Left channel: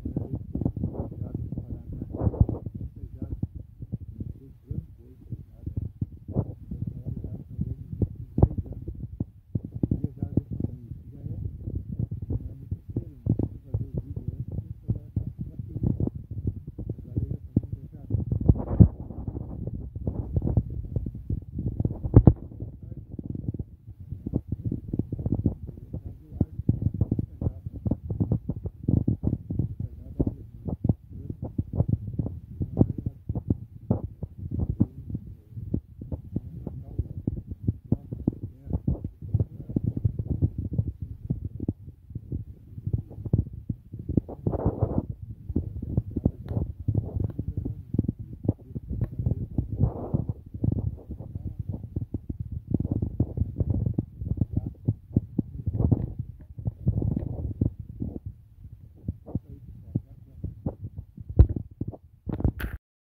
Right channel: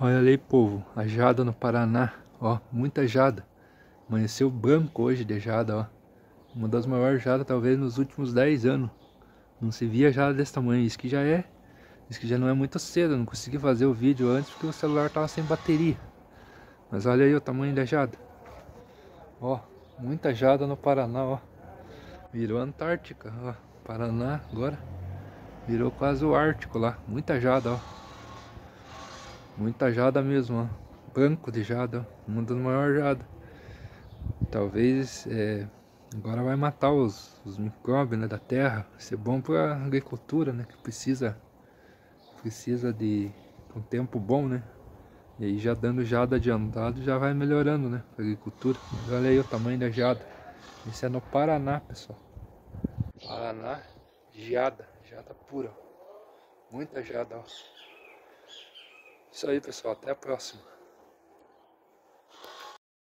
Olha ali, povo, a jada no Paraná, ó, muita jada. Amanheceu branco hoje de jada, ó. Uma das maiores jadas talvez nos últimos 10 anos. Não se via jada desse tamanho, isso que já não é muito cedo. Eu não consegui fazer o vídeo antes porque o celular tava sem bateria. Mas olha aí o tamanho da jada. Ó, muita jada no Paraná, ó. Virou Antártica, ó. Paraná agora virou quase o Ártico lá. Muita jada, ó. Muita jada mesmo, ó. Branco de jada, ó. Uma das maiores jadas. Talvez agora vai matar os micróbios, né, da terra. Vai ser bom para agricultura, né, que precisa de um tempo bom, né. E aí já dando jada adiantado já vai melhorando, né, a agricultura. Olha aí o tamanho da jada. Isso é no Paraná, pessoal. Paraná, jada pura. Muita jada, ó. Isso aí, pessoal, até a próxima.